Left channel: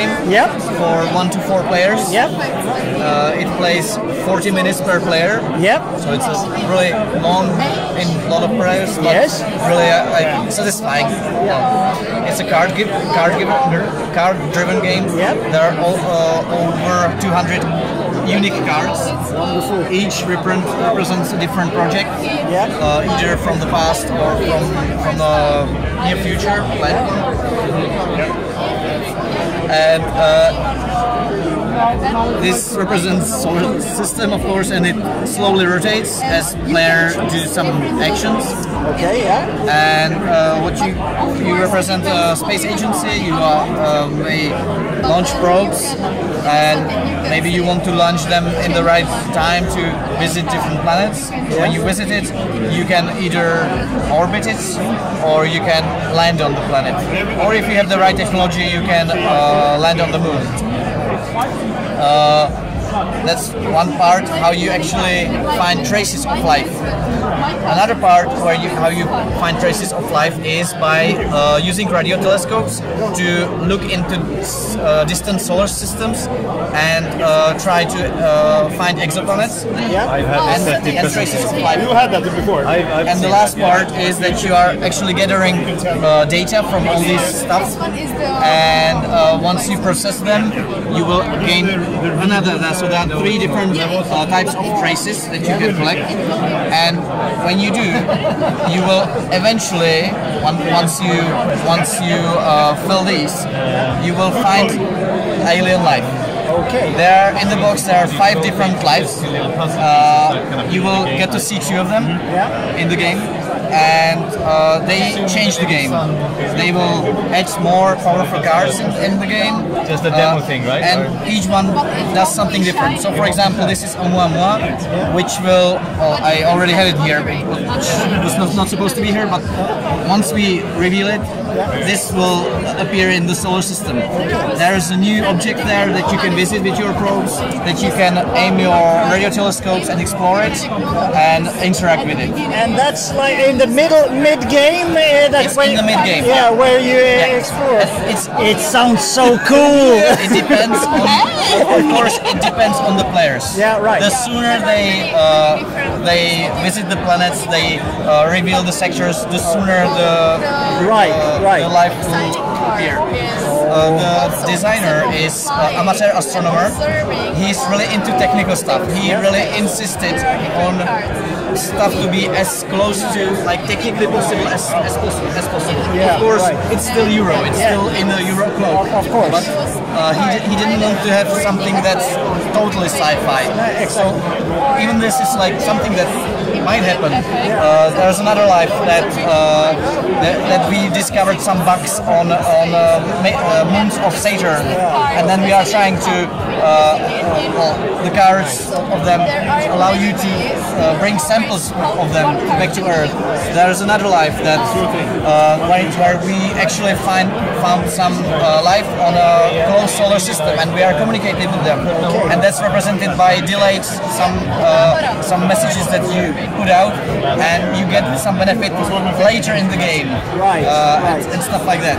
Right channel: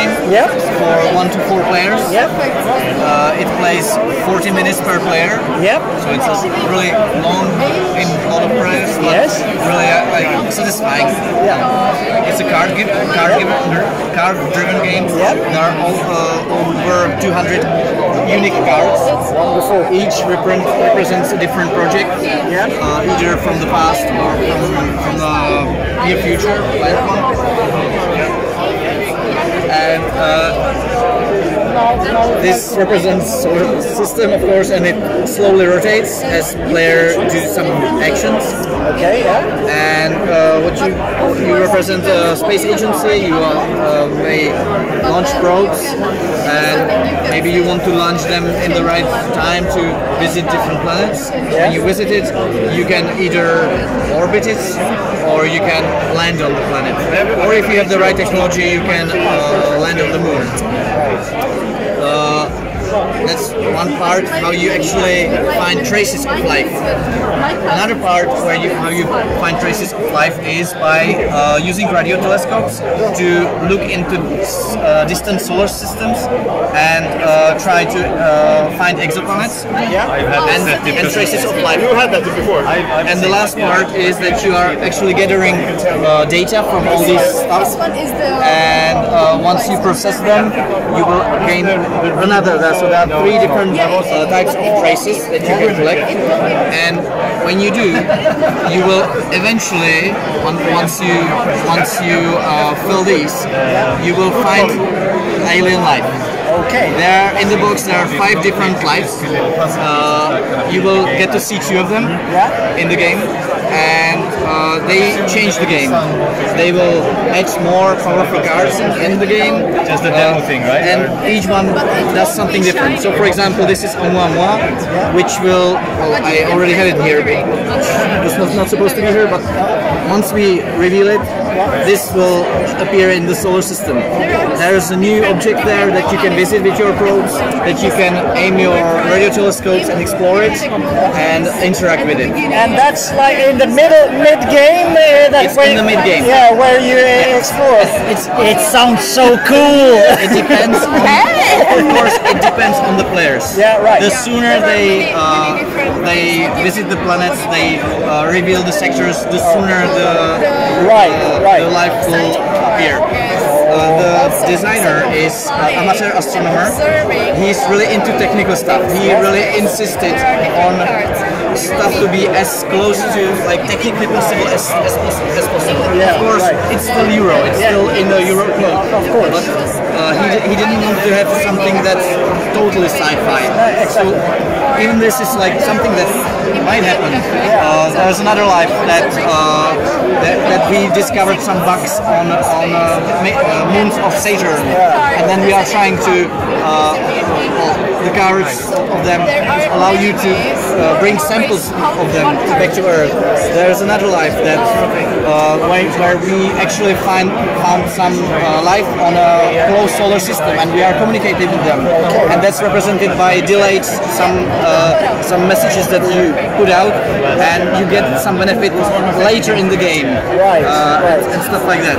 game. Yeah. For 1 to 4 players. Yeah. It plays 40 minutes per player. Yeah. So it's a really long price, but Yes. really like satisfying. It's a card-driven game. There are over 200 unique cards. Wonderful. Each represents a different project, either from the past or from the near future. And this represents sort of the system, of course, and it slowly rotates as player do some actions. Okay, yeah. And you represent a space agency. You may launch probes, and maybe you want to launch them in the right time to visit different planets. When you visit it, you can either orbit it or you can land on the planet. Or if you have the right technology, you can land on the moon. That's one part, how you actually find traces of life. Another part how you find traces of life is by using radio telescopes to look into distant solar systems and try to find exoplanets and traces of life. You had that before. And the last part is that you are actually gathering data from all these stuff, and once you process them, you will gain another. So there are 3 different types of traces that you can collect, and when you do, you will eventually, once you fill these, you will find alien life. Okay. There in the box there are 5 different lives. You will get to see 2 of them in the game, and they change the game. They will add more powerful cards in the game. Just the demo thing, right? And each one does something different. So for example, this is Oumuamua, which will, well, I already had it here, which was not supposed to be here, but once we reveal it, this will appear in the solar system. There is a new object there that you can visit with your probes, that you can aim your radio telescopes and explore it and interact with it. And that's like in the mid-game? It's in the mid-game. Yeah, where you explore. It sounds so cool! It depends on, of course, it depends on the players. Yeah, right. The sooner they visit the planets, they reveal the sectors, the sooner the life will appear. The designer is an amateur astronomer. He's really into technical stuff. He really insisted on stuff to be as close to like technically possible as possible. Yeah, of course, it's still Euro. It's still in the Euro code. Of course. But he didn't want to have something that's totally sci-fi. So even this is like something that might happen. There's another life that we discovered some bugs on moons of Saturn, and then we are trying to the cards of them allow you to bring samples of them back to Earth. There's another life that where we actually found some life on a closed solar system, and we are communicating with them, and that's represented by delayed some messages that you put out, and you get some benefit later in the game, and stuff like that.